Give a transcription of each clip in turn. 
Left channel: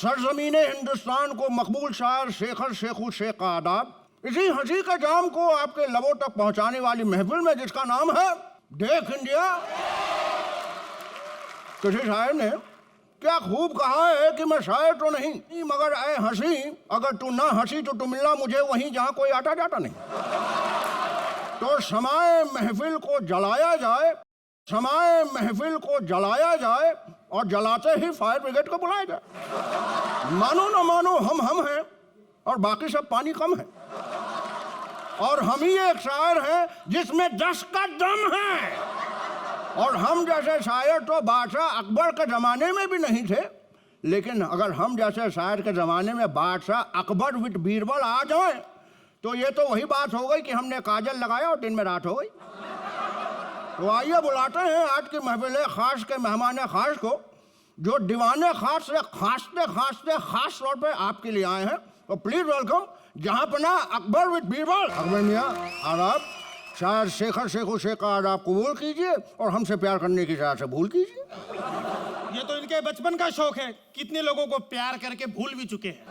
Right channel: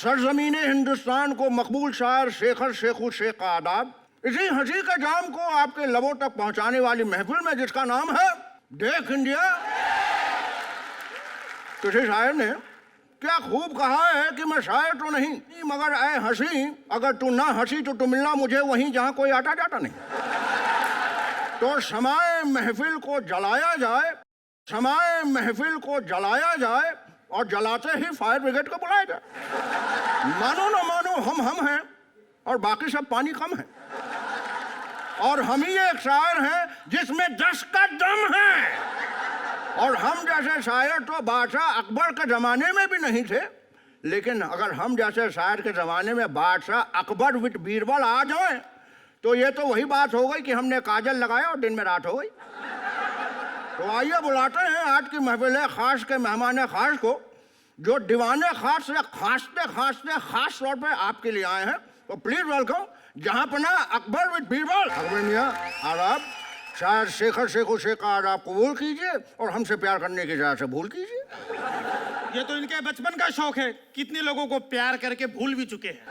सरजमीने हिंदुस्तान को मकबूल शायर शेखर शेखू शेख का आदाब। इसी हंसी के जाम को आपके लबों तक पहुंचाने वाली महफिल में जिसका नाम है देख इंडिया। किसी शायर ने क्या खूब कहा है कि मैं शायर तो नहीं मगर ऐ हंसी, अगर तू ना हंसी तो तू मिलना मुझे वहीं जहां कोई आता जाता नहीं। तो समाए महफिल को जलाया जाए, समाए महफिल को जलाया जाए और जलाते ही फायर ब्रिगेड को बुलाया जाए। मानो ना मानो हम हैं और बाकी सब पानी कम है, और हम ही एक शायर हैं जिसमें 10 का दम है। और हम जैसे शायर तो बादशाह अकबर के जमाने में भी नहीं थे, लेकिन अगर हम जैसे शायर के जमाने में बादशाह अकबर विद बीरबल आ जाए तो ये तो वही बात हो गई कि हमने काजल लगाया और दिन में रात हो गई। तो आइए बुलाते हैं आज की महफिल खास के मेहमान खास को, जो दीवाने खास से खांसते खांसते खास तौर पे आपके लिए आए हैं। तो प्लीज वेलकम जहां पना अकबर विद बीरबल। अकबर मियाँ आदाब, शायर शेखर शेखू शेख का आदाब कबूल कीजिए और हमसे प्यार करने की जगह से भूल कीजिए। ये तो इनके बचपन का शौक है, कितने लोगों को प्यार करके भूल भी चुके हैं।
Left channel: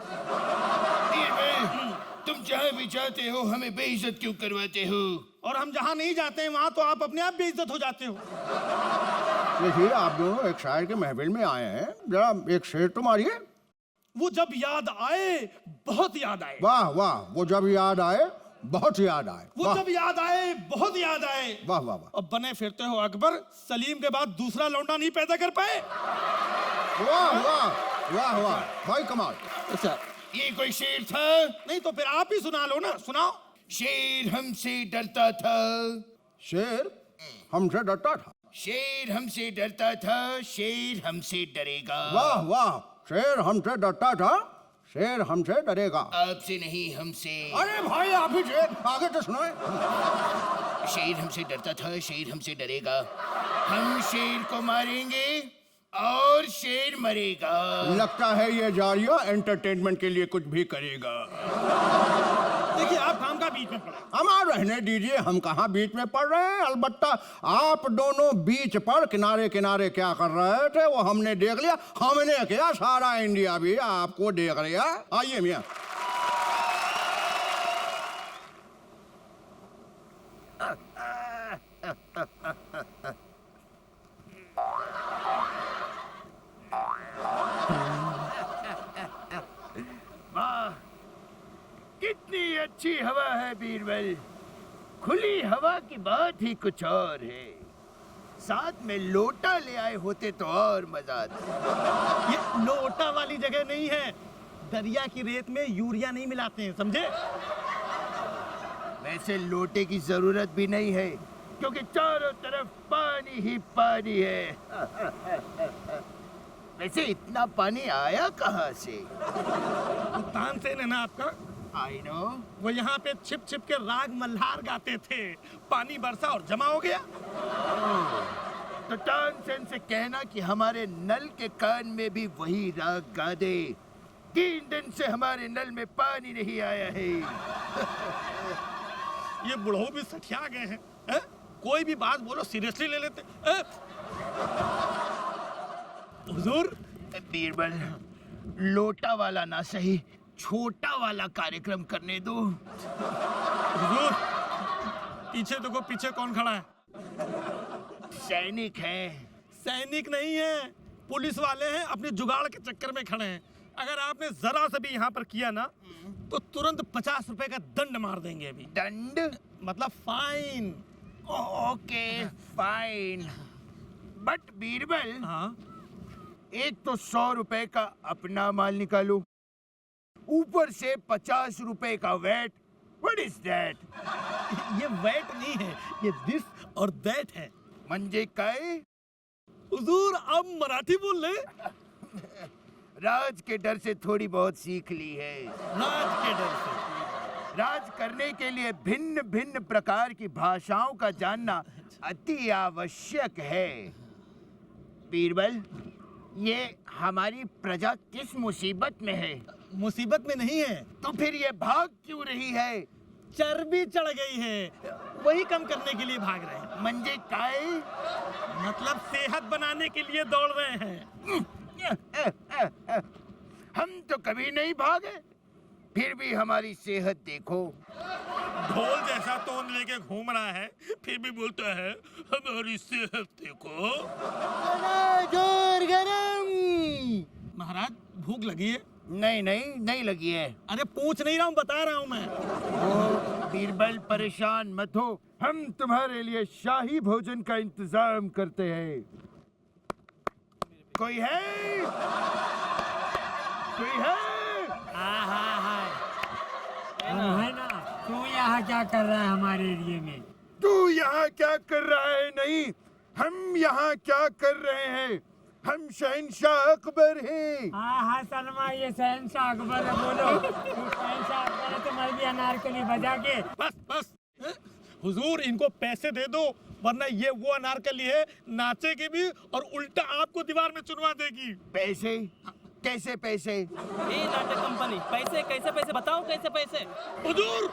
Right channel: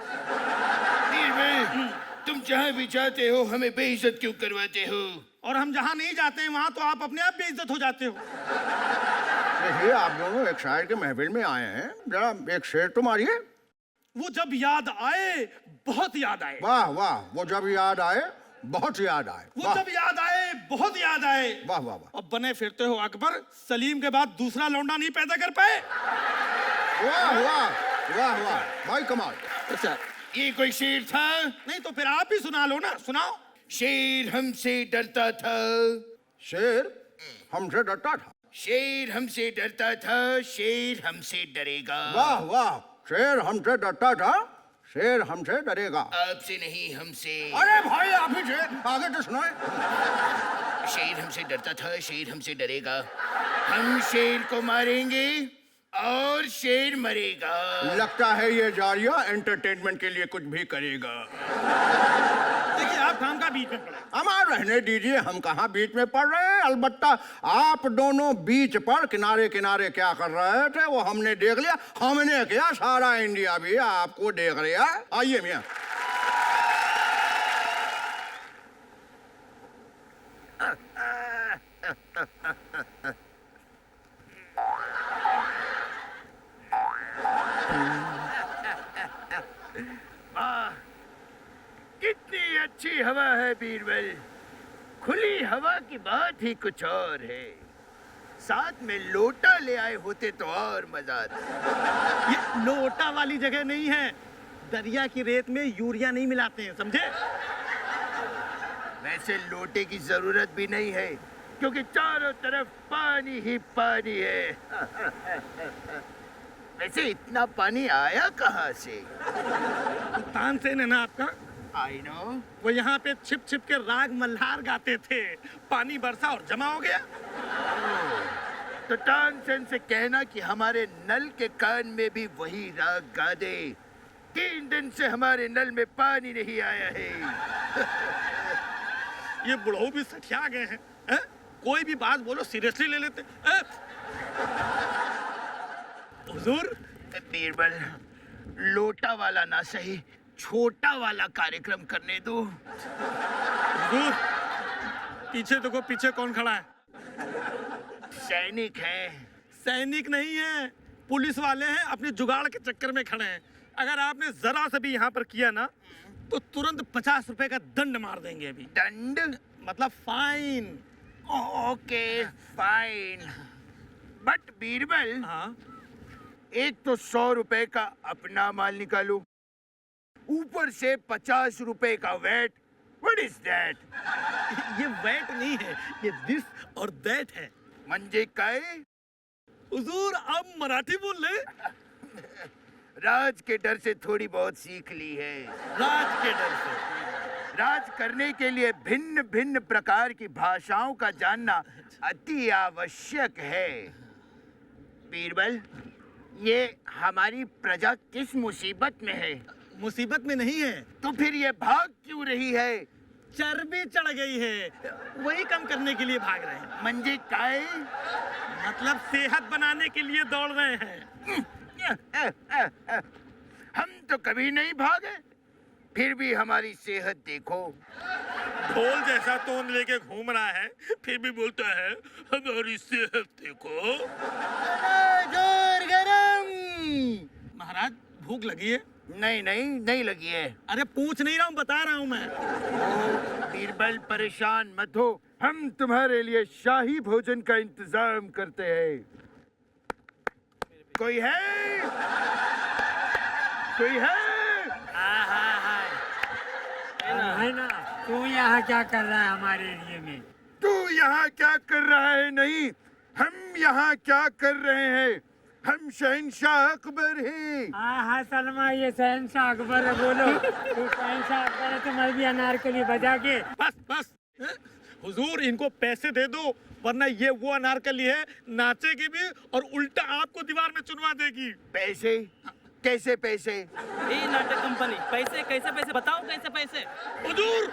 बीरबल, तुम जहाँ भी जाते हो हमें बेइज्जत क्यों करवाते हो? और हम जहाँ नहीं जाते हैं वहाँ तो आप अपने आप बेइज्जत हो जाते हो। देखिए आप दोनों एक शायर के महफिल में आए हैं, जरा एक शेर तो मारिए। वो जब याद आए बहुत याद आए। वाह वाह, वो जब याद आए बहुत याद आए। वो जब याद आए बहुत याद आए। वाह वाह वाह। अब बने फिरते हो अकबर, सलीम के बाद दूसरा लौंडा नहीं पैदा कर पाए। वाह वाह वाह वाह भाई कमाल। अच्छा ये कोई शेर था? नहीं तो फिर आप ही सुना लो ना, सुनाओ। शेर हमसे डरता था, शेर हमसे डरता था। शेर हमसे डरता था, शेर हमसे डरेगा। वाह वाह, शेर हमसे डरता था, शेर हमसे डरेगा। आपसे नहीं हमसे। अरे भाई आप ही शेर आगे तो सुनाए। शेर हमसे डरता था, शेर हमसे डरेगा, हम शेर को मारेंगे और शेर मरेगा। लगता है ये जारिया एंटरटेनमेंट के लिए कुछ भी करेगा। देखिए आप काम का बीच में पड़े। हमारा रहने दीजिए, हम कहाँ बीच में पड़ रहे हैं। अलबत्ता आप दोनों बीच पर किनारे किनारे क्या कर रहे थे वो हमने देख लिया। हमने क्या, सारा इंडिया भी आपको देख लिया। आइए मियाँ। कितनी अच्छी हवा है बीरबल, खुली हवा की बात ही कुछ और है। साथ में लोटा ले आए होते तो और मजा आता। ये लोटा वाली जगह नहीं है, दरिया की रेत में यूरिया नहीं मिलाते हैं, समझे? वैसे लोटे की जरूरत भी नहीं है क्योंकि चारों तरफ पानी ही पानी है। वैसे इतना पानी आया कहाँ से? तानसेन है ना आपका, आई नो। वो यहाँ पे छिप छिप के राग मल्हार गाते थे, पानी बरसा और जमा हो गया। तो तानसेन से कहना कि हमारे नल के कान में भी वही राग गा दे। 3 दिन से हमारे नल में पानी नहीं आया है। ये बुढ़ऊ भी सठिया गए हैं, हैं? कोई भी बात बोलो सीरियसली ले लेते। हुजूर, बीरबल, लोटा वाला ना सही, छोटा वाला कार्यक्रम करने दो। हुजूर, पीछे देखो, पीछे कौन खड़ा है? सैनिक है। सैनिक नहीं है, पुलिस वाले हैं, अपने जुगाड़ के चक्कर में खड़े हैं। अगर आपने जरा से भी यहाँ पर किया ना तो तुरंत 50 रुपए का दंड मार देंगे। अभी दंड मतलब fine. Okay fine. But Birbal, हाँ, एक तो 100 रुपए का अपना माल निकालो, ऊपर से 50 रुपए का वैट। What is that? ये वैट नहीं है, ये दिस और दैट है। मंजे काय? हुजूर आप मराठी बोल ले। राज के डर से थोड़ी बहुत सीख ली है। राज के डर से? राज करने के लिए भिन्न भिन्न प्रकार की भाषाओं का जानना अति आवश्यक है। बीरबल, ये हमारी प्रजा किस मुसीबत में है? मुसीबत में नहीं है तो फिर ये भाग क्यों रही है? चर्बी चढ़ गई है, वही कम करने के लिए भाग रहे हैं। मंजे काय? मतलब सेहत बनाने के लिए दौड़ रहे हैं। हम तो कभी नहीं भागे, फिर भी हमारी सेहत देखो। ढोल जैसा तोन लेके घूम रहा है, फिर भी बोलता है हमारी सेहत देखो। जोर गरम। महाराज भूख लगी है? नहीं नहीं नहीं लगी है। अरे पूछ नहीं रहा हूँ, बता रहा हूँ मैं। ओ बीरबल परेशान मत हो, हम तुम्हारे लिए शाही भोजन का इंतजाम करते हैं। कोई है? कोई है? है ना, तू यहाँ क्या कर रहा है हमारे एरिया में? तू यहाँ क्या कर रहा है? नहीं, हम यहाँ क्या कर रहे हैं? हम शहंशाह अकबर हैं। हाँ सलमा, ये शहंशाह अकबर है। बोलो, तू शहंशाह अकबर है तो मैं भी अनारकली बजा के। बस बस हुजूर, इनको पैसे दे दो, वरना ये वो अनारकली है, नाचेगी भी और उल्टा आपको दीवार में चुनवा देगी। पैसे? कैसे पैसे? ये नाटक कंपनी, पैसे कैसे पैसे बताओ, कैसे पैसे? हुजूर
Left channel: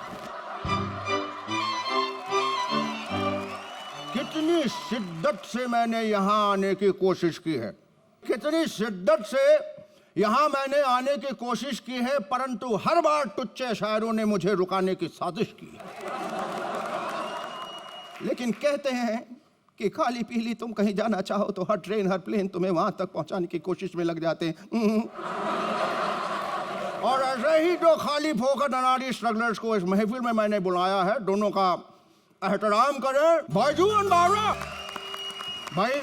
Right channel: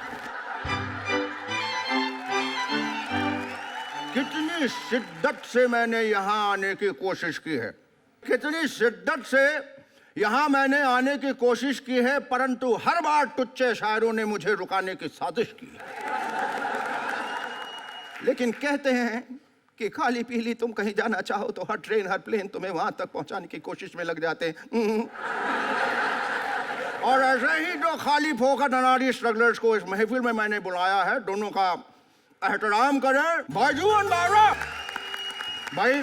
कितनी शिद्दत से मैंने यहाँ आने की कोशिश की है, कितनी शिद्दत से यहाँ मैंने आने की कोशिश की है, परंतु हर बार टुच्चे शायरों ने मुझे रुकाने की साजिश की है। लेकिन कहते हैं कि खाली पीली तुम कहीं जाना चाहो तो हर ट्रेन हर प्लेन तुम्हें वहां तक पहुंचाने की कोशिश में लग जाते हैं। और ऐसे ही जो खाली फोकट अनाड़ी स्ट्रगलर्स को इस महफिल में मैंने बुलाया है, दोनों का एहतराम करें। भाईजू बावरा भाई,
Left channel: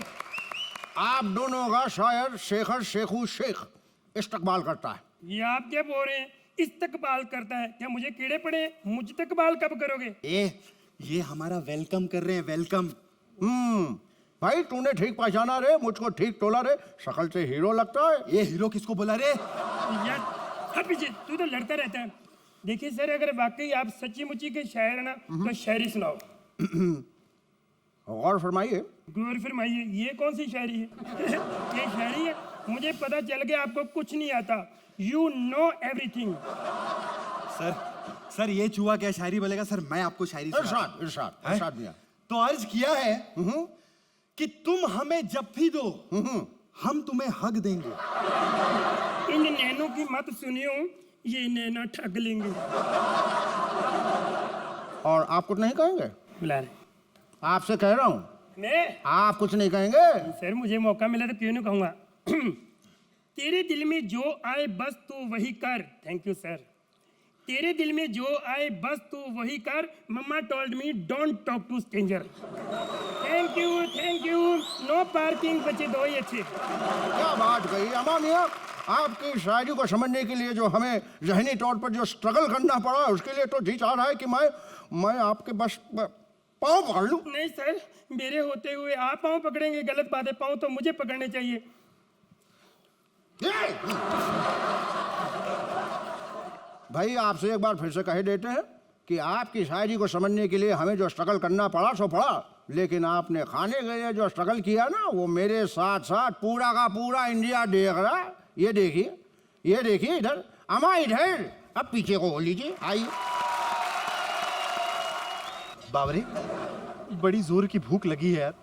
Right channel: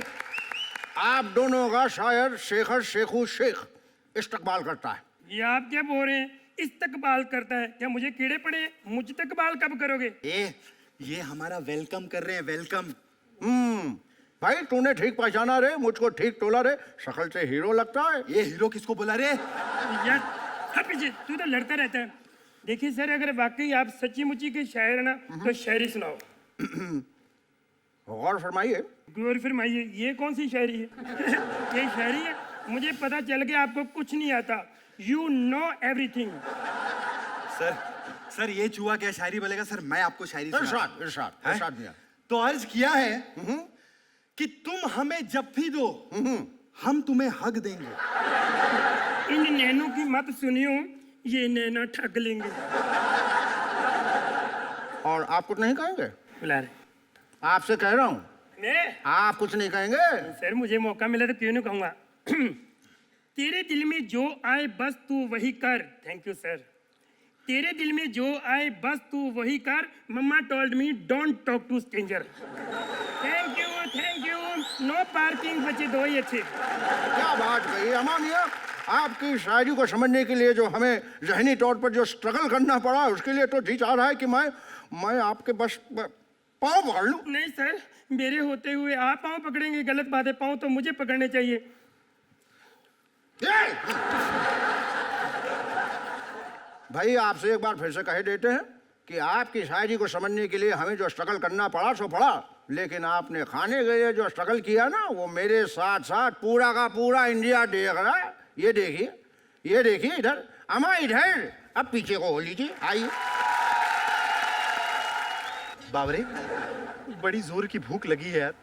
आप दोनों का शायर शेखर शेखू शेख इस्तकबाल करता है। ये आप क्या बोल रहे हैं? इस्तकबाल करता है? क्या मुझे कीड़े पड़े? मुझ तकबाल कब करोगे? ये हमारा वेलकम कर रहे हैं, वेलकम। भाई तूने ठीक पहचाना रे, मुझको ठीक तोला रे, शक्ल से हीरो लगता है। ये हीरो किसको बोला रे? यार हाँ, पीछे तू तो लड़ता रहता है। देखिए सर, अगर वाकई आप सच्ची मुच्ची के शायर है ना, तो शायरी सुनाओ। गौर फरमाइए। गौर फरमाइए, ये कौन सी शायरी है? ये शायरी है? मुझे पता चल गया आपको कुछ नहीं आता। You know everything. सर ये चूहा क्या शायरी बोलेगा? सर मैं आपको शायरी इरशाद इरशाद इरशाद मियां। तो अर्ज किया है कि तुम हमें जब भी दो हम तुम्हें हक देंगे। इन नैनों की मत सुनियो, ये नैना ठग लेंगे। और आप कुछ नहीं कहेंगे? बुला रहे आपसे कह रहा हूँ, मैं? आप कुछ नहीं कहेंगे? सर मुझे मौका मिला तो क्यों नहीं कहूँगा। तेरे दिल में जो आए बस तू वही कर। Thank you sir. तेरे दिल में जो आए बस तू वही कर। Mamma told me don't talk to stranger. Thank you. No parking, बचे दो ही अच्छे। क्या बात कही अम्मा मियाँ। आपकी शायरी को समझने के लिए जो हमें जहनी तौर पर जो स्ट्रगल करना पड़ा, उसके लिए तो जी चाह रहा है कि मैं आपके बस पाँव पकड़ लूं। नहीं सर, मेरे होते हुए आप पाँव पकड़ेंगे, गलत बात है। पाँव तो मुझे पकड़ने चाहिए। भाई आपसे एक बार फिर से कह देते हैं कि आपकी शायरी को समझने के लिए हमें जो स्ट्रगल करना पड़ा सो पड़ा, लेकिन आपने खाने के लिए जो स्ट्रगल किया ना, वो मेरे साथ साथ पूरा का पूरा इंडिया देख रहा है। ये देखिए इधर, अम्मा इधर, अब पीछे को हो लीजिए, आइए। बावरे, बड़ी जोर की भूख लगी है यार।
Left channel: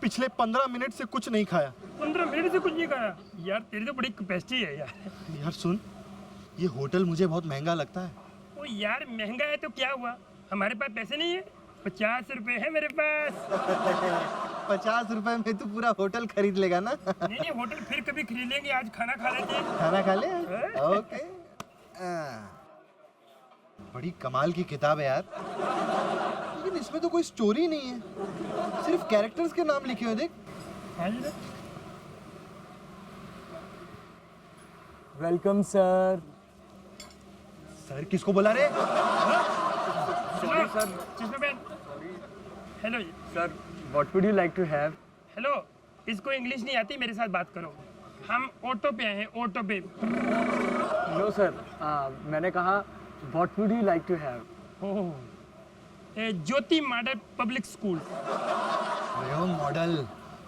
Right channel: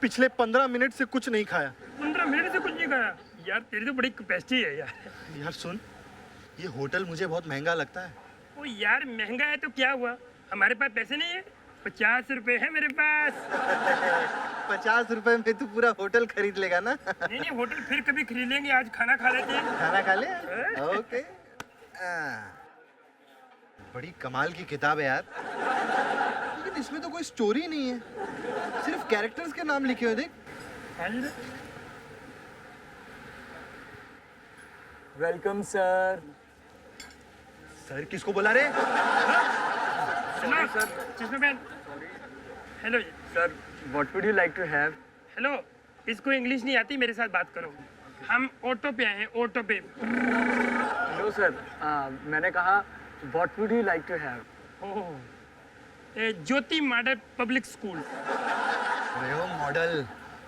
पिछले 15 मिनट से कुछ नहीं खाया। 15 मिनट से कुछ नहीं खाया? यार तेरी तो बड़ी कैपेसिटी है यार। यार सुन, ये होटल मुझे बहुत महंगा लगता है। ओ यार महंगा है तो क्या हुआ, हमारे पास पैसे नहीं है। 50 रुपए है मेरे पास। 50 रुपए में तू पूरा होटल खरीद लेगा ना? नहीं होटल फिर कभी खरीद लेंगे, आज खाना खा लेते हैं। खाना खा ले? ओके। बड़ी कमाल की किताब है यार, लेकिन इसमें तो कोई स्टोरी नहीं है, सिर्फ कैरेक्टर्स के नाम लिखे हुए। देख। Welcome sir. सर किसको बोला रे? Sorry sir. Hello sir, what would you like to have? Hello, इसको इंग्लिश नहीं आती, मेरे साथ बात करो। हम ऑटो पे आए हैं, ऑटो पे। नो सर, मैंने कहा what would you like to have? Jyoti model public school. अरे ओ मॉडल,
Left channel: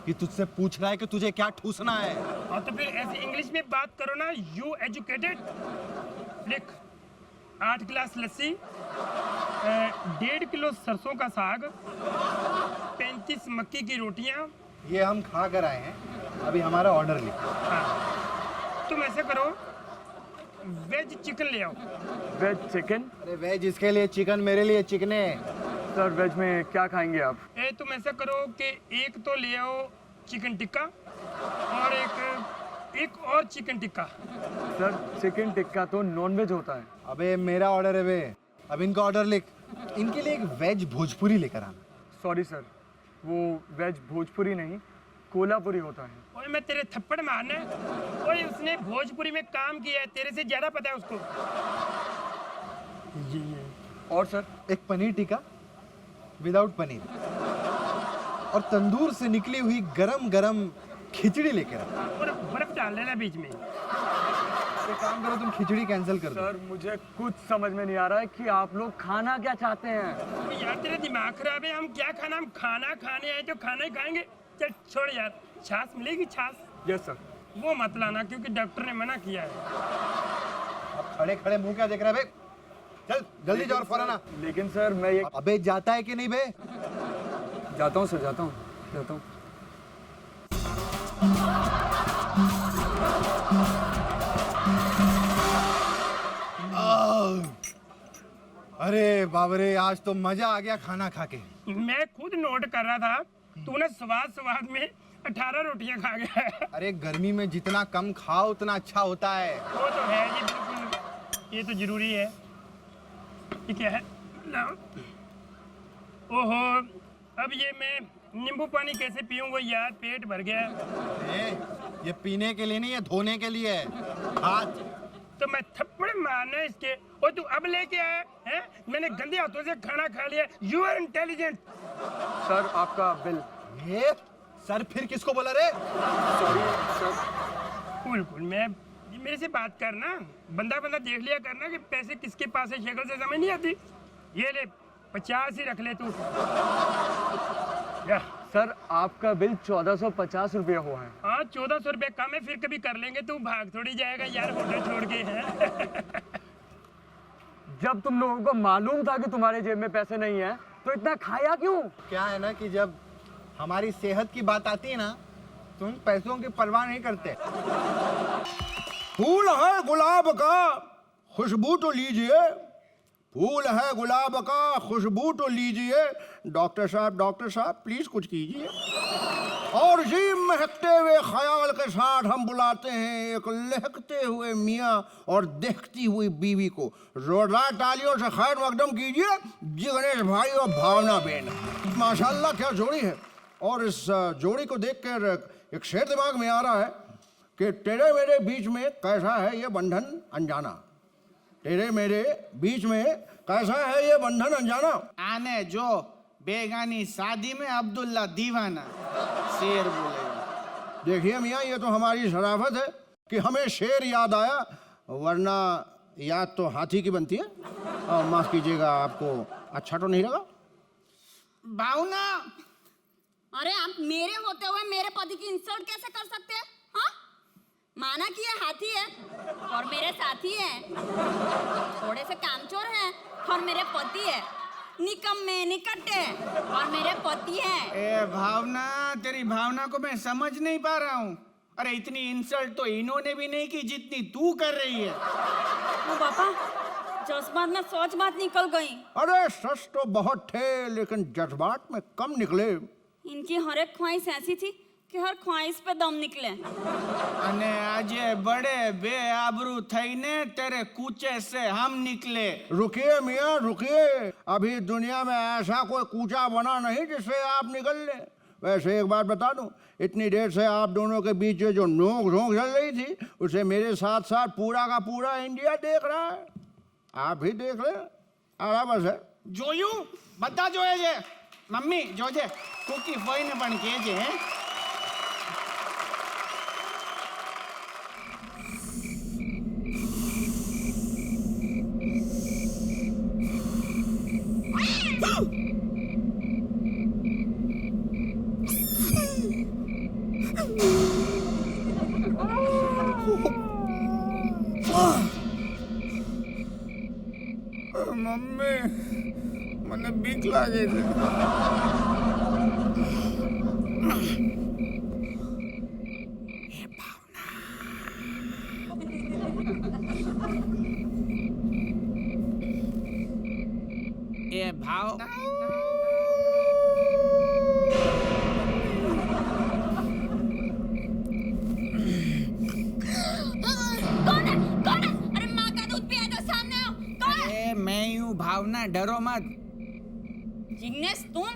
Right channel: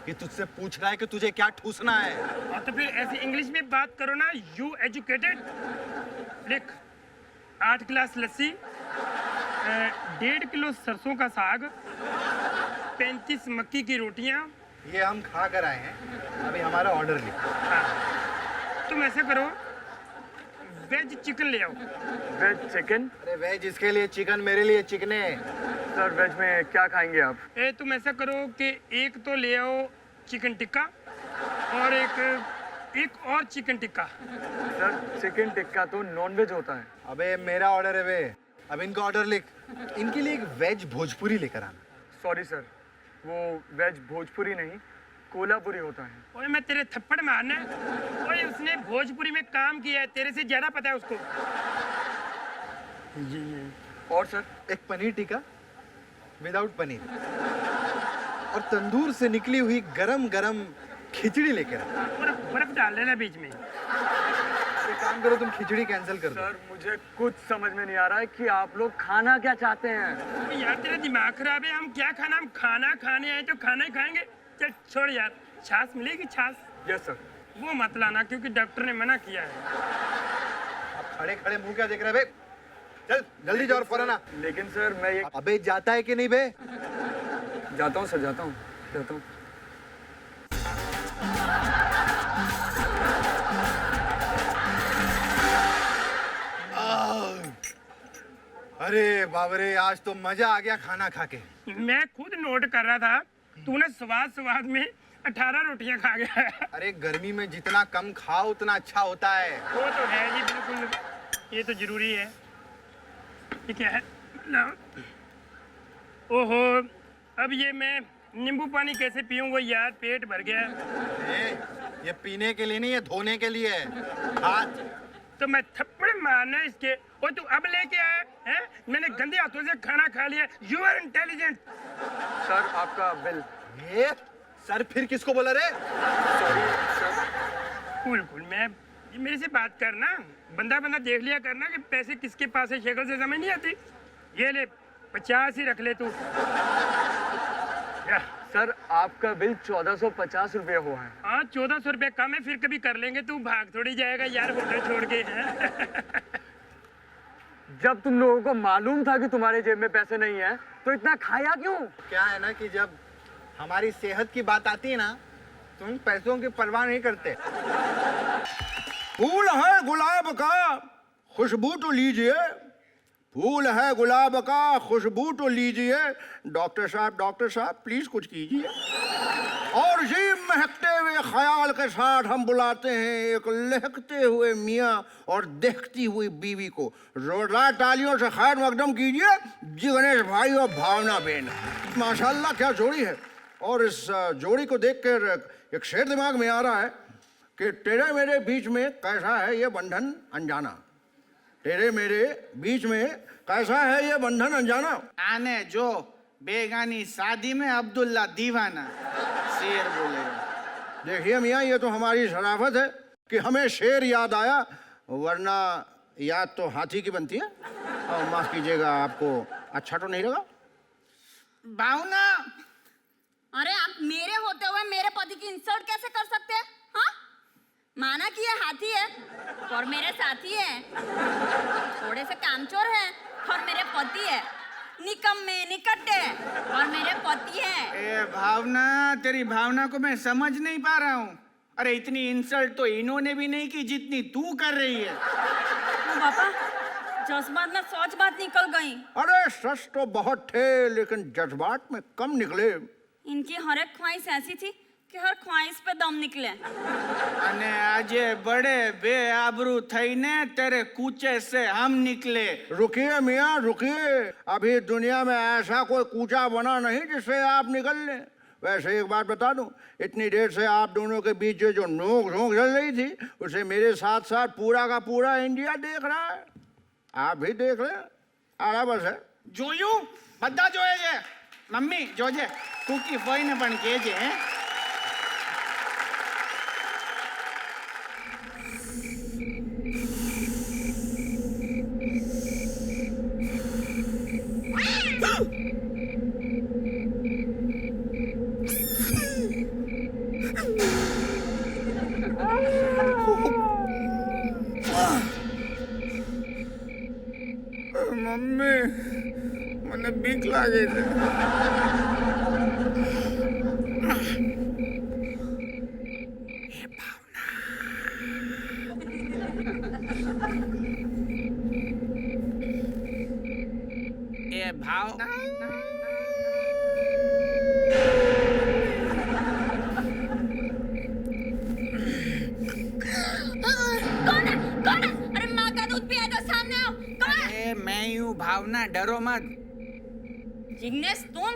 ये तुझसे पूछ रहा है कि तुझे क्या ठूसना है। और तो फिर ऐसे इंग्लिश में बात करो ना। You educated. लिख, 8 गिलास लस्सी, 1.5 किलो सरसों का साग, 35 मक्की की रोटियां। ये हम खा कर आए हैं, अभी हमारा ऑर्डर लिख। हाँ, तुम ऐसे करो, वेज चिकन ले आओ। Veg chicken? अरे वेज इसके लिए चिकन, मेरे लिए चिकने। सर वेज में क्या खाएंगे आप? तुम ऐसा करो कि एक तो ले आओ चिकन टिक्का और एक और chicken tikka. Sir chicken tikka तो नॉन वेज होता है। अबे मेरा ऑर्डर है बे, अब इनका ऑर्डर लिख। इनके लिए एक वेज भोजपुरी लेकर आना। सॉरी सर, वो वेज भोजपुरी नहीं कोल्हापुरी होता है। ओए मैं तेरे थप्पड़ मारना। ओए उसने भोजपुरी में काम किया है, तेरे से ज्यादा पता है उसको। और सर? एक पनीर टिक्का विदाउट पनीर और तंदूर से निकली हुई गरम गरम खिचड़ी लेकर आना। और बर्फ डाल लेना बीच में। एक काम करो, तुम खिचड़ी कैंसिल कर दो। सर मुझे कुछ समझ में नहीं आ रहा है कि आप लोग खाना क्या चाहते हैं। यार तेरा दिमाग खराब है। हम क्या खाना, हम खाना खाने आए तो खाना ही खाएंगे। चल छोड़ यार, छाछ मिलेगी छाछ? Yes sir. वो मत लाना क्योंकि डॉक्टर ने मना किया है। अब खड़े खड़े मुंह क्या देख रहा है बे? चल जल्दी जाओ और फौरन आ। लेकिन सर मैं ये अबे जाता है कि नहीं बे? जाता हूँ सर, जाता हूँ। अरे बाबरे, आज तो मजा आ गया खाना खा के। मैं खुद नोट कर रहा था, तूने स्वाद में 18 रोटियां खा गया है। अरे गर्मी में जितना कम खाओ उतना अच्छा होता है। वो तो है जी, बिल्कुल, ये तो जरूरी है। ये क्या है? लाओ। ओहो, अब ये मैं नींबू पानी कैसे पीऊंगा यार, पेट भर गया। ये पीने के लिए नहीं, ये धोने के लिए है। हाथ तो मैं थप्पड़ मारना इसके। और तू अब लेके आया है? मैंने गंदे हाथों से खाना खा लिया। You are intelligent. सर आपका बिल। ये सर फिर किसको बोला रे? Sorry sir. कूल मैं मेरे से बात करना, बंदा देख लिया करना कि पैसे किसके पास है, शक्ल से समझ नहीं आती। ये ले 50 ही रख ले तू। सर आपका बिल 1450 रुपया हुआ है। हाँ 1400 रुपये कम है, फिर कभी कर लेंगे। तू भाग थोड़ी जाएगा यार होटल छोड़ के। हैं जब तुम लोगों को मालूम था कि तुम्हारे जेब में पैसे नहीं है तो इतना खाया क्यों? क्या है ना कि जब हमारी सेहत की बात आती है ना, तुम पैसों की परवाह नहीं करते। फूल है गुलाब का, खुशबू तो लीजिए। फूल है गुलाब का, खुशबू तो लीजिए। डॉक्टर साहब प्लीज कुछ कीजिए। और जी महकते हुए ख्याल के साथ हम बुलाते हैं एक लहकते हुए मियाँ और देखती हुई बीवी को। जोरदार तालियों से खैर मकदम कीजिए जी गणेश भाई और भावना बेन। माशाल्लाह क्या जोड़ी है। और इस जोड़ी को देखकर एक शेर दिमाग में आ रहा है कि तेरे मेरे बीच में कैसा है ये बंधन अनजाना। तेरे मेरे बीच में कैसा है ये बंधन अनजाना। आने जो बेगानी शादी में अब्दुल्ला दीवाना, शेर बोलेगा। देखिए मियाँ, ये तो हमारी शराफत है कि हमें शेर याद आया, वरना याद तो हाथी की बनती है। और माफ कीजिएगा, आपको अच्छा तो नहीं लगा? भावना, अरे आप मेरे होते हुए मेरे पति की इंसल्ट कैसे कर सकते हैं? हाँ, माना कि ये हाथी है और मेरे साथी है, थोड़े से कामचोर है और मेरे पति है, निकम्मे निकट्टे और मेरे पति है। ए भावना, तेरी भावना को मैं समझ नहीं पा रहा हूँ। अरे इतनी इंसल्ट तो इन्होंने भी नहीं की जितनी तू कर रही है। ओ बापा, जज्बात में सोच बात निकल गई। अरे सच तो बहुत थे लेकिन जज्बात में कम निकले। इनकी हर एक ख्वाहिश ऐसी थी कि हर ख्वाहिश पे दम निकले। अने आजे बड़े बेआबरू थईने तेरे कूचे से हम निकले। रुकिए मियाँ रुकिए, अभी दुनिया में ऐसा कोई कूचा बना नहीं जिससे आप निकल लें। वैसे एक बात बता दूं, इतनी देर से आप दोनों के बीच जो नोक झोंक चल रही थी उसे मेरे साथ साथ पूरा का पूरा इंडिया देख रहा है। आप भी देख लें, बस है। જોયું બધા જોયે છે મમ્મી જોજે કુકી ફોઈને પણ કહેજે હે મમ્મી મને બીક લાગે છે। भाव कौन है? कौन है? अरे माँ का दूध पिया दो, सामने आओ। कौन है? ए, मैं ही हूँ भावना, डरो मत। जिग्नेश, तुम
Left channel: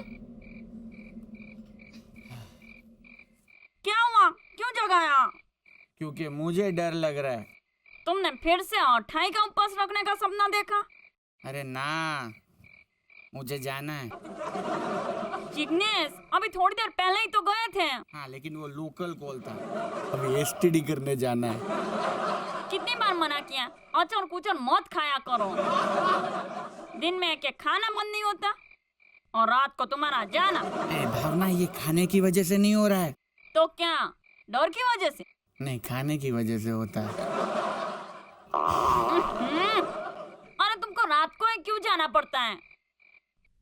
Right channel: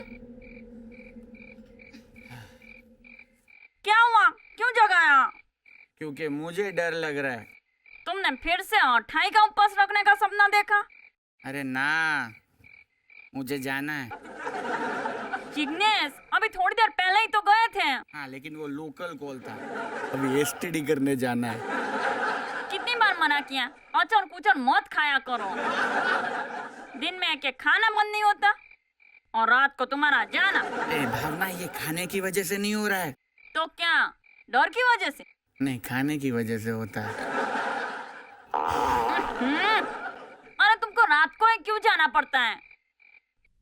क्या हुआ? क्यों जगाया? क्योंकि मुझे डर लग रहा है। तुमने फिर से अठाई का उपवास रखने का सपना देखा? अरे ना, मुझे जाना है। जिग्नेश, अभी थोड़ी देर पहले ही तो गए थे। हाँ, लेकिन वो लोकल कॉल था। अभी एसटीडी करने जाना है। कितनी बार मना किया, अचर कुचर मत खाया करो। दिन में एक खाना बंद नहीं होता और रात को तुम्हारा जाना। ए भावना, ये खाने की वजह से नहीं हो रहा है। तो क्या, डर की वजह से? नहीं, खाने की वजह से होता है। अरे तुमको रात को ही क्यों जाना पड़ता है?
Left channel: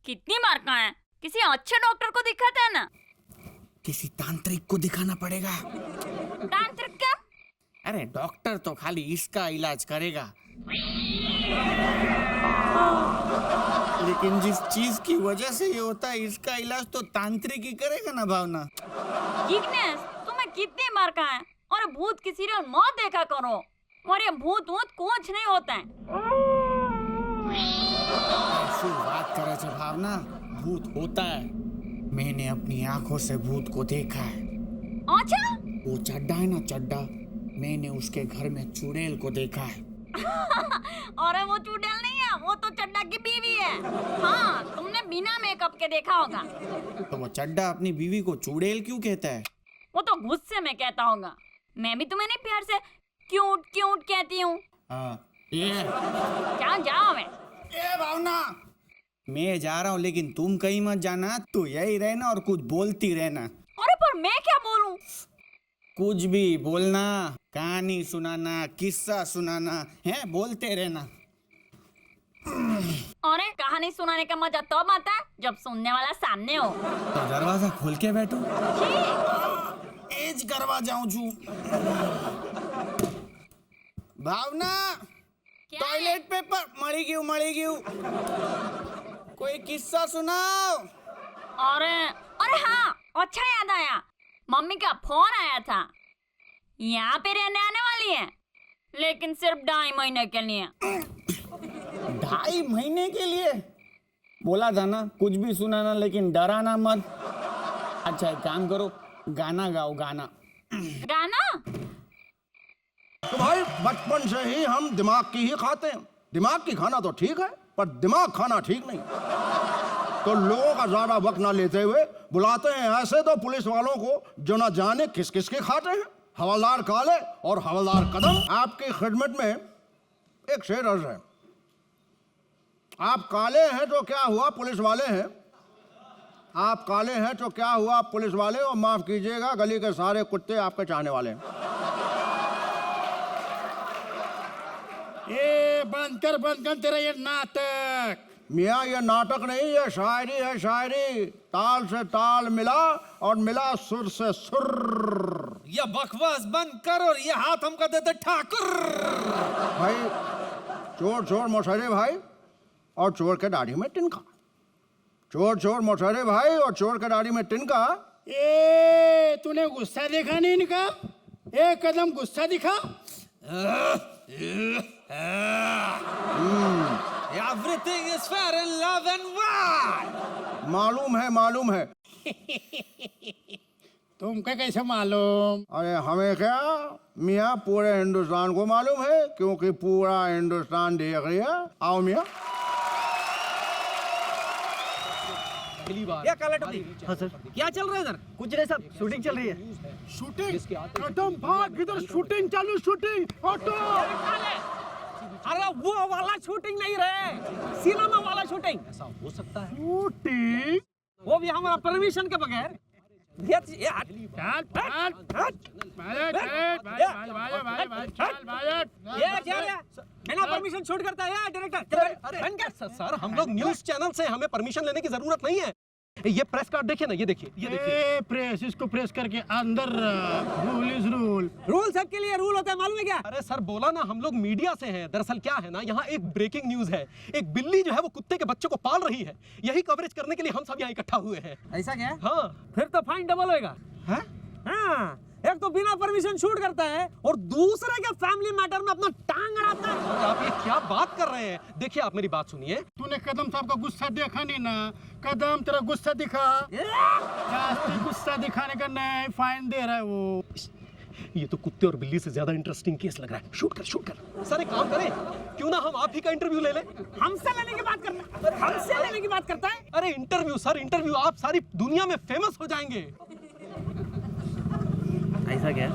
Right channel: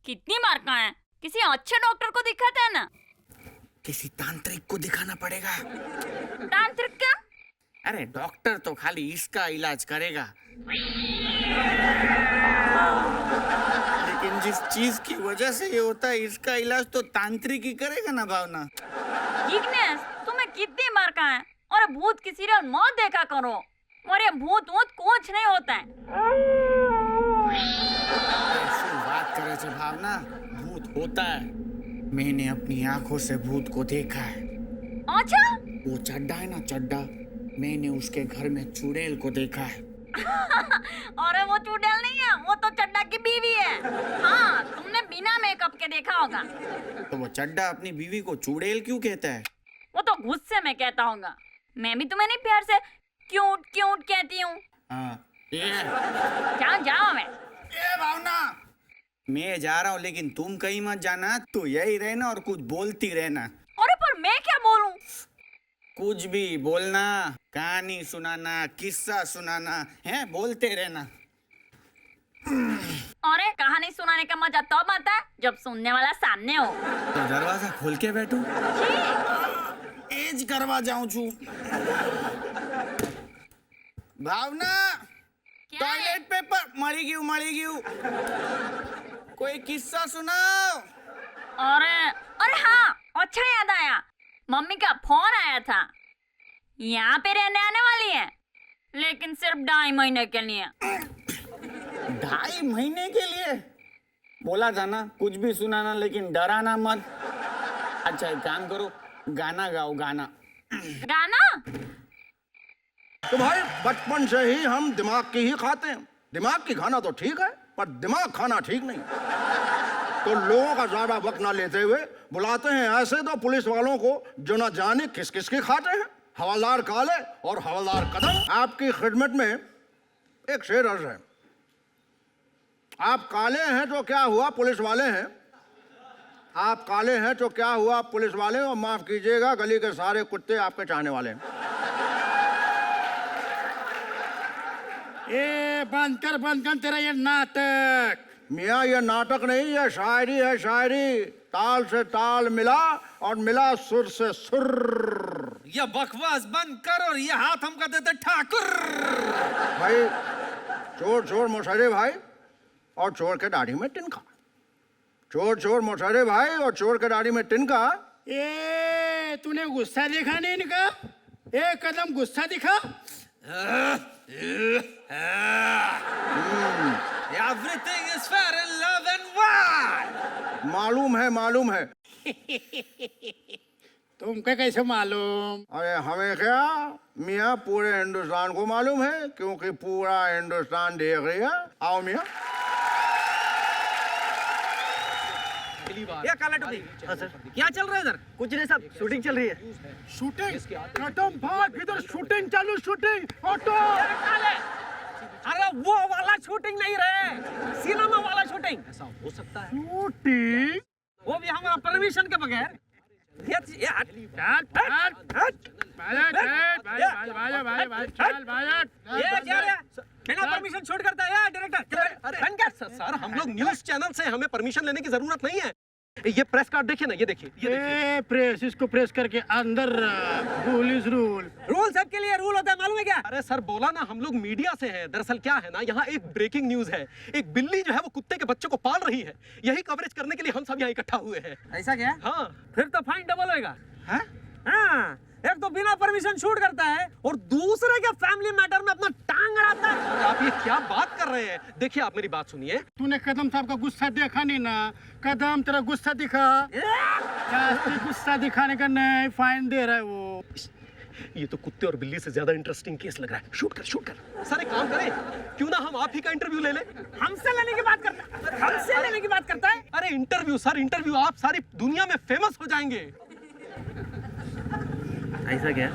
कितनी बार कहा है, किसी अच्छे डॉक्टर को दिखाते हैं ना। किसी तांत्रिक को दिखाना पड़ेगा। तांत्रिक क्या? अरे डॉक्टर तो खाली इसका इलाज करेगा, लेकिन जिस चीज की वजह से ये होता है इसका इलाज तो तांत्रिक ही करेगा ना भावना। जिग्नेश, तुम्हें कितनी बार कहा है, और भूत की सीरियल मत देखा करो, और ये भूत वूत कुछ नहीं होता है। ऐसी बात करे छे भावना, भूत होता है। मैंने अपनी आंखों से भूत को देखा है। अच्छा? वो चड्डा है ना, चड्डा, मैंने उसके घर में चुड़ैल को देखा है। अरे वो चुड़ैल नहीं है, वो तो चड्डा की बीवी है। हाँ, तुमने बिना मेकअप के देखा होगा। तो वो चड्डा अपनी बीवी को चुड़ैल क्यों कहता है? वो तो गुस्से में कहता होगा। मैं भी तुम्हें नहीं प्यार से क्यूट क्यूट कहती हूँ। क्या जाओ मैं? ए भावना, मैं जा रहा हूँ, लेकिन तुम कहीं मत जाना। तू यही रहना और कुछ बोलती रहना। अरे पर मैं क्या बोलूं? कुछ भी बोलना, कहानी सुनाना, किस्सा सुनाना है, बोलते रहना। अरे कहानी सुनाने का मजा तब आता है जब सुनने वाला सामने हो। तो दरवाजा खोल के बैठो। ठीक। एज करवा जाऊं छू। भावना, क्या टॉयलेट पेपर मरी गयू। कोई किस्सा सुनाओ। अरे हाँ, अच्छा याद आया, मम्मी का फोन आया था। यहाँ पे रहने आने वाली है, लेकिन सिर्फ 2.5 महीने के लिए। 2.5 महीने के लिए? बोला था ना कुछ भी सुनाना, लेकिन डराना मत। अच्छा एक काम करो, गाना गाओ, गाना। गाना? तो भाई बचपन से ही हम दिमाग की ही खाते हैं। दिमाग की खाना तो ठीक है, पर दिमाग खाना ठीक नहीं। तो लोगों का ज्यादा वक्त ना लेते हुए बुलाते हैं ऐसे दो पुलिस वालों को जो ना जाने किस किस के खाते हैं। हवलदार काले और हवलदार कदम, आपकी खिदमत में एक शेर अर्ज है। आप काले हैं तो क्या हुआ, पुलिस वाले हैं। आप काले हैं तो क्या हुआ, पुलिस वाले, और माफ कीजिएगा गली के सारे कुत्ते आपके चाहने वाले हैं। ए बंद कर तेरा ये नाटक। मियाँ ये नाटक नहीं, ये शायरी है, शायरी। ताल से ताल मिला और मिला सुर से सुर। ये बकवास बंद कर और ये हाथ हमको देते ठाकुर। भाई चोर चोर मोशरे भाई और चोर के दाढ़ी में तिनका। चोर चोर मोशरे भाई और चोर के दाढ़ी में तिनका। ए तूने गुस्सा देखा नहीं इनका? एक कदम गुस्सा दिखा। Everything is fair in love and war. मालूम है। तुमको कैसे मालूम? अरे हमें क्या मियाँ, पूरे हिंदुस्तान को मालूम है, क्योंकि पूरा हिंदुस्तान देख रही है। आओ मियाँ। क्या काला टोपी? हाँ सर। क्या चल रहा है इधर? कुछ नहीं साहब, शूटिंग चल रही है। शूटिंग? कदम भाग, इधर शूटिंग चालू, शूटिंग। ऑटो। अरे वो वाला शूटिंग नहीं रहे, सिनेमा वाला शूटिंग। ऐसा हो सकता है? शूटिंग? वो भी हमारा परमिशन के बगैर। बिना परमिशन शूट करता है डायरेक्टर। सर हम लोग न्यूज़ चैनल से, हमें परमिशन लेने की जरूरत नहीं है। ये प्रेस कार्ड देखिए ना, ये देखिए, ये देखिए। प्रेस, इसको प्रेस करके अंदर रूल इज रूल। रूल सबके लिए रूल होता है, मालूम है क्या? अरे सर बोला ना, हम लोग मीडिया से हैं। दरअसल क्या है ना, यहाँ एक ब्रेकिंग न्यूज है। एक बिल्ली जो है वो कुत्ते के बच्चे को पाल रही है। यही कवरेज करने के लिए हम सब यहाँ इकट्ठा हुए हैं। ऐसा क्या? हाँ। फिर तो फाइन डबल होएगा। हैं? हाँ, एक तो बिना परमिशन शूट करता है और दूसरे के फैमिली मैटर में अपना टांग अड़ाता है। आप ये क्या बात कर रहे हैं? देखिए आप मेरी बात सुनिए। तूने कदम साहब का गुस्सा देखा नहीं ना? कदम तेरा गुस्सा दिखा, जास्ती गुस्सा दिखाने का नहीं, फाइन दे रहा है वो। ये तो कुत्ते और बिल्ली से ज्यादा इंटरेस्टिंग केस लग रहा है। शूट कर, शूट कर। सर एक काम करें, क्यों ना हम आप ही का इंटरव्यू ले लें? हमसे लेने की बात करता है, हमसे लेने की बात करता है। अरे इंटरव्यू सर, इंटरव्यू, आप सारी दुनिया में फेमस हो जाएंगे। ऐसा क्या?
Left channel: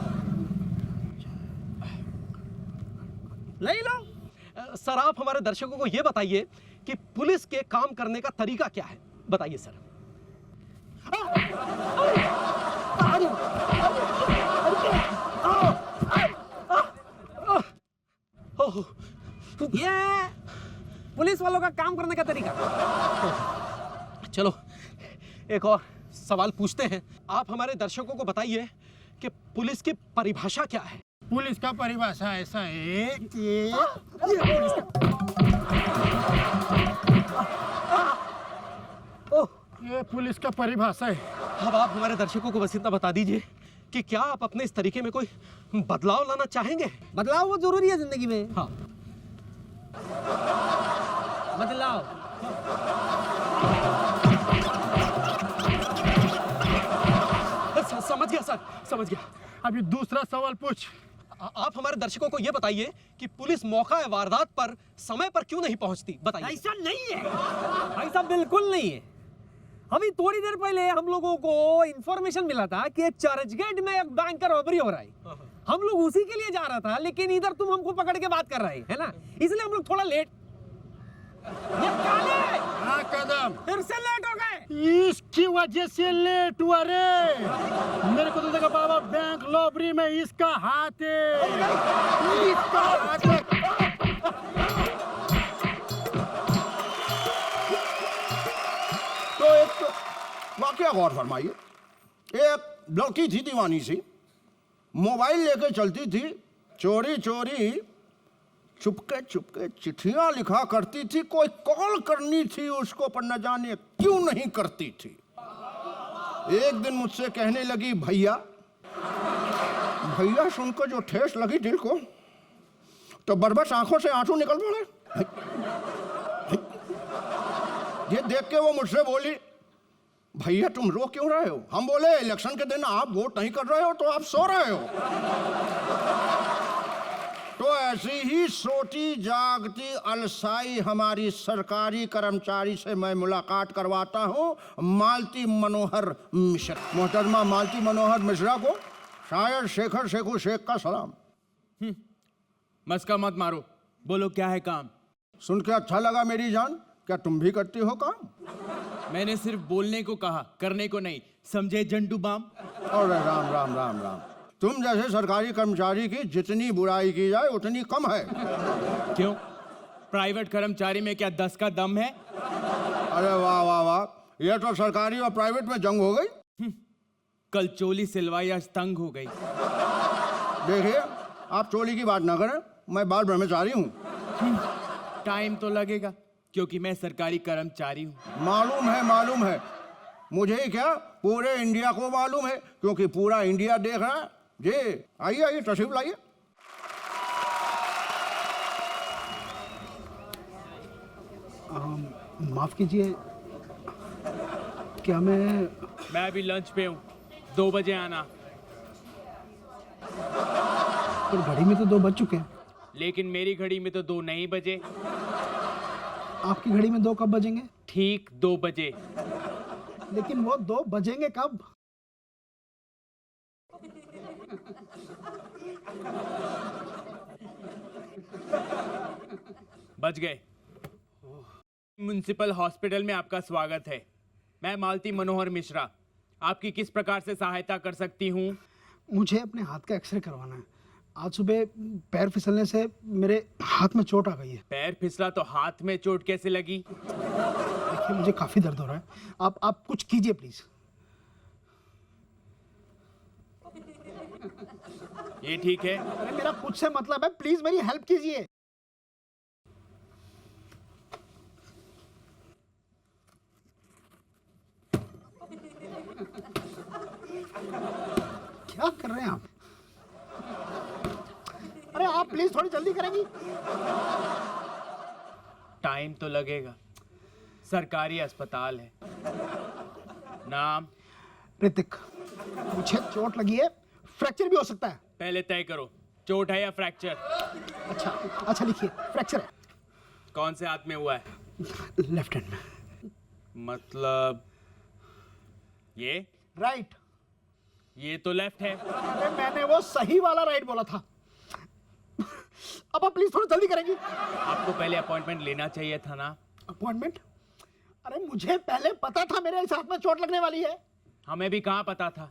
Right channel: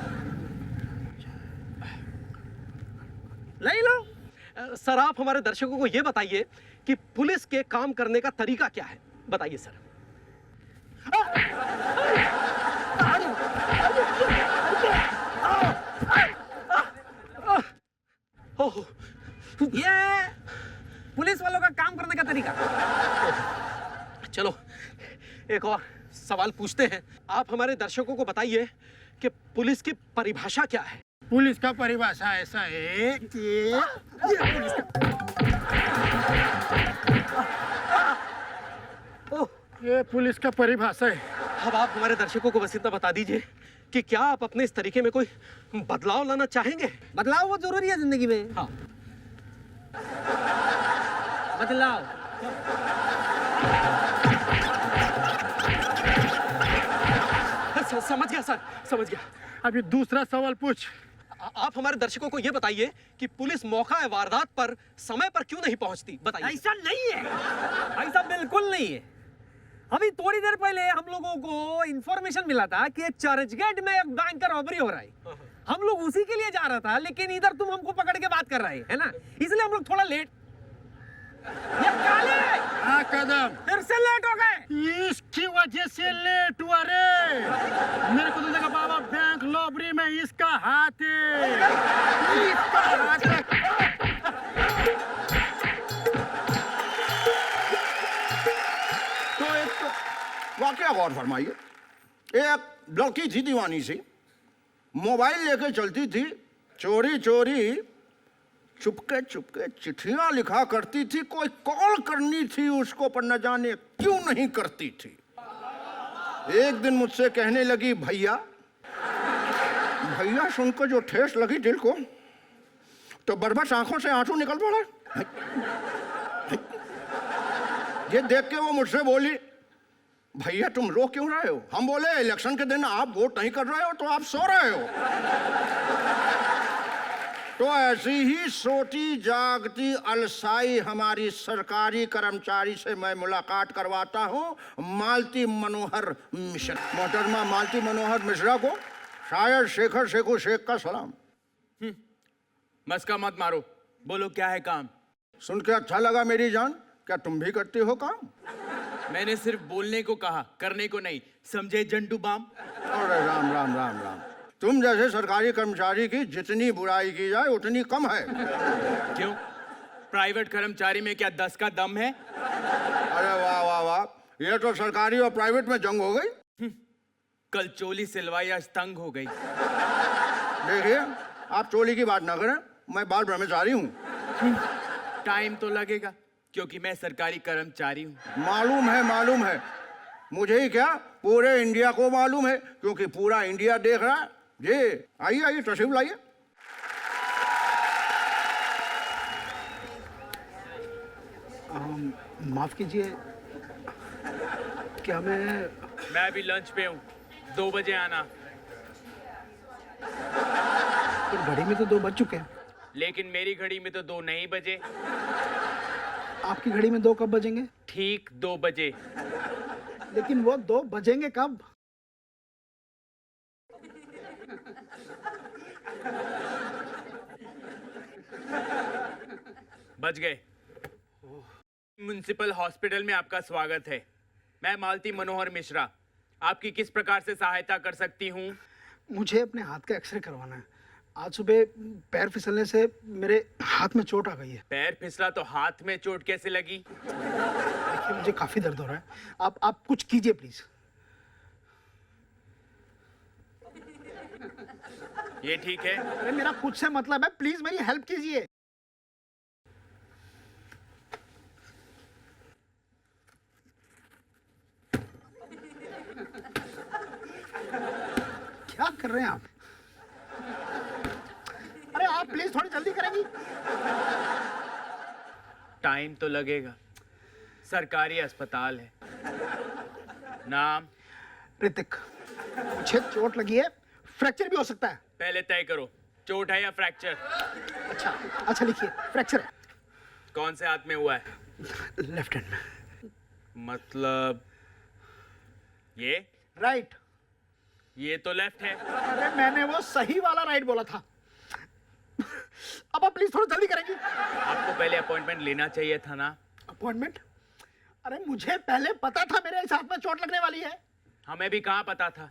ले लो। सर आप हमारे दर्शकों को ये बताइए कि पुलिस के काम करने का तरीका क्या है, बताइए सर। ये पुलिस वालों का काम करने का तरीका। चलो एक और सवाल पूछते हैं। आप हमारे दर्शकों को बताइए कि पुलिस की परिभाषा क्या है? पुलिस का परिभाषा ऐसा है कि ये पुलिस का परिभाषा है। अब आप हमारे दर्शकों को बस इतना बता दीजिए कि क्या आप अपने इस तरीके में कोई बदलाव लाना चाहेंगे? बदलाव वो जरूरी है जिंदगी में। हाँ। बदलाव। समझ गया सर, समझ गया। अभी दूसरा सवाल पूछ। आप हमारे दर्शकों को यह बताइए कि पुलिस मौका वारदात पर समय पर क्यों नहीं पहुंचती, बताइए। ऐसा नहीं है, ऐसा बिल्कुल नहीं है। अभी थोड़ी देर पहले हम लोगों को इंफॉर्मेशन मिला था कि चर्चगेट में एक बैंक का रॉबरी हो रहा है। हम लोग उसी के लिए जा रहा था, लेकिन इधर तुम हमको पकड़ के बात कर रहे है ना, इसलिए हम लोग थोड़ा लेट। ये काले! हाँ कदम, फिर से लेट हो गए। इसकी वजह से लेट हुआ रे। मेरे को तो देखा बाबा, बैंक लॉबरी में इसका हाथ है, इसका हाथ है। तो एक वाकया गौर फरमाइए। एक लड़की थी दीवानी सी, मोबाइल लेके चलती थी, चोरी चोरी चुपके चुपके चिट्ठियां लिखा करती थी। कोई कॉल करनी थी उसको, पर न जाने क्यों नहीं करती थी। एक दिन मुझसे कहने लगी, भैया। भैया सुनकर जो ठेस लगी दिल को, तो बरबस आंखों से आंसू निकल पड़े। ये देख के वो मुझसे बोली, भैया तुम रो क्यों रहे हो? हम बोले, इलेक्शन के दिन आप वोट नहीं कर रहे हो तो आप सो रहे हो। तो ऐसी ही सोती जागती अलसाई हमारी सरकारी कर्मचारी से मैं मुलाकात करवाता हूं, मालती मनोहर मिश्रा। मोहतरमा मालती मनोहर मिश्रा को शायद शेखर शेखू शेख का सलाम। मस्का मत मारो, बोलो क्या है काम? सुन के अच्छा लगा मेरी जान, क्या तुम भी करती हो काम? मैंने सिर्फ बोलने को कहा, करने को नहीं, समझे जंटू बाम? अरे राम राम राम राम, तुम जैसे सरकारी कर्मचारी की जितनी बुराई की जाए उतनी कम है। क्यों? प्राइवेट कर्मचारी में क्या 10 का दम है? अरे वाह वाह वाह, ये तो सरकारी और प्राइवेट में जंग हो गई। कल चोली सिलवाई, आज तंग हो गई। देखिए आप चोली की बात ना करें, मैं बाल ब्रह्मचारी हूँ। टाइम तो लगेगा क्योंकि मैं सरकारी कर्मचारी हूँ। मालूम है, मुझे ही क्या पूरे इंडिया को मालूम है, क्योंकि पूरा इंडिया देख रहा है। जी आइए आइए, तशरीफ लाइए। माफ कीजिए, क्या मैं अभी लंच पे हूँ, 2 बजे आना। पर घड़ी में तो 2 बज चुके हैं। लेकिन मेरी घड़ी में तो 2 नहीं बजे। आपकी घड़ी में 2 कब बजेंगे? ठीक 2 बजे। लेकिन वो 2 बजेंगे कब? बच गए। म्युनिसिपल हॉस्पिटल में आपका स्वागत है। मैं मालती मनोहर मिश्रा आपकी किस प्रकार से सहायता कर सकती हूँ? मुझे अपने हाथ का एक्सरे करवाना है। आज सुबह पैर फिसलने से मेरे हाथ में चोट आ गई है। पैर फिसला तो हाथ में चोट कैसे लगी? देखिए मुझे काफी दर्द हो रहा है, आप कुछ कीजिए प्लीज। ये ठीक है? अरे मेरा कुछ से मतलब है, प्लीज मेरी हेल्प कीजिए। क्या कर रहे हैं आप? अरे आप प्लीज थोड़ी जल्दी करेंगी। टाइम तो लगेगा, सरकारी अस्पताल है। नाम? ऋतिक। मुझे चोट लगी है, फ्रैक्चर भी हो सकता है। पहले तय करो, चोट है या फ्रैक्चर? अच्छा लिखिए, फ्रैक्चर है। कौन से हाथ में हुआ है? लेफ्ट हैंड में। मतलब ये? राइट। ये तो लेफ्ट है। अरे मैंने वो सही वाला राइट बोला था। अब आप प्लीज थोड़ा जल्दी करेंगी। आपको पहले अपॉइंटमेंट लेना चाहिए था ना। अपॉइंटमेंट? अरे मुझे पहले पता था मेरे इस हाथ में चोट लगने वाली है। हमें भी कहाँ पता था।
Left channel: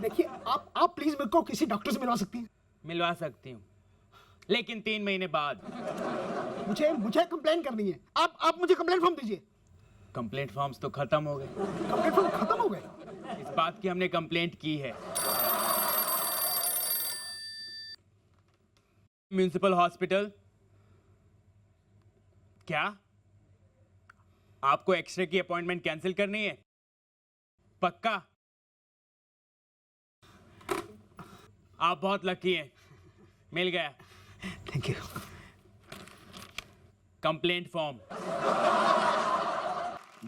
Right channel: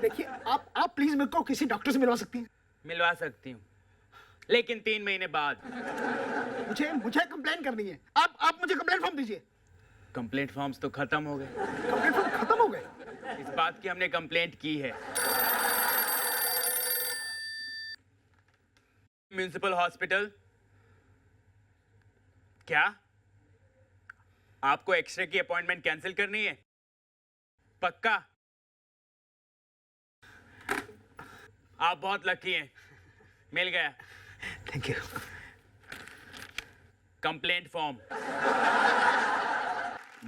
देखिए आप प्लीज मेरे को किसी डॉक्टर से मिलवा सकती हैं? मिलवा सकती हूँ, लेकिन 3 महीने बाद। मुझे कंप्लेन करनी है। आप मुझे कंप्लेंट फॉर्म दीजिए। कंप्लेंट फॉर्म्स तो खत्म हो गए। कंप्लेंट फॉर्म खत्म हो गए? इस बात की हमने कंप्लेंट की है। Municipal hospital. क्या आपको एक्सरे की अपॉइंटमेंट कैंसिल करनी है? पक्का? आप बहुत लकी हैं, मिल गया। Thank you. Complaint form.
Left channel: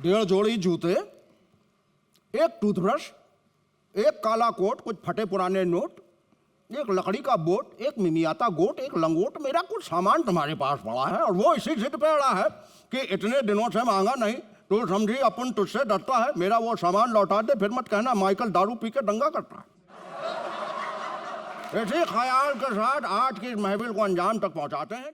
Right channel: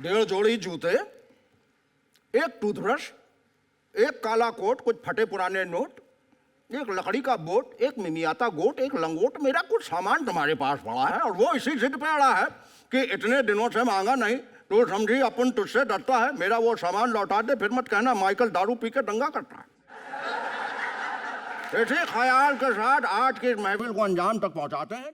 1.5 जोड़ी जूते, एक टूथब्रश, एक काला कोट, कुछ फटे पुराने नोट, एक लकड़ी का बोट, एक मिमियाता गोट, एक लंगोट। मेरा कुछ सामान तुम्हारे पास पड़ा है और वो इसी जिद पे अड़ा है कि इतने दिनों से मांगा नहीं, तो समझी अपन तुझसे डरता है। मेरा वो सामान लौटा दे, फिर मत कहना माइकल दारू पी के दंगा करता है। इसी ख्याल के साथ आज की इस महफिल को अंजाम तक पहुंचाते हैं।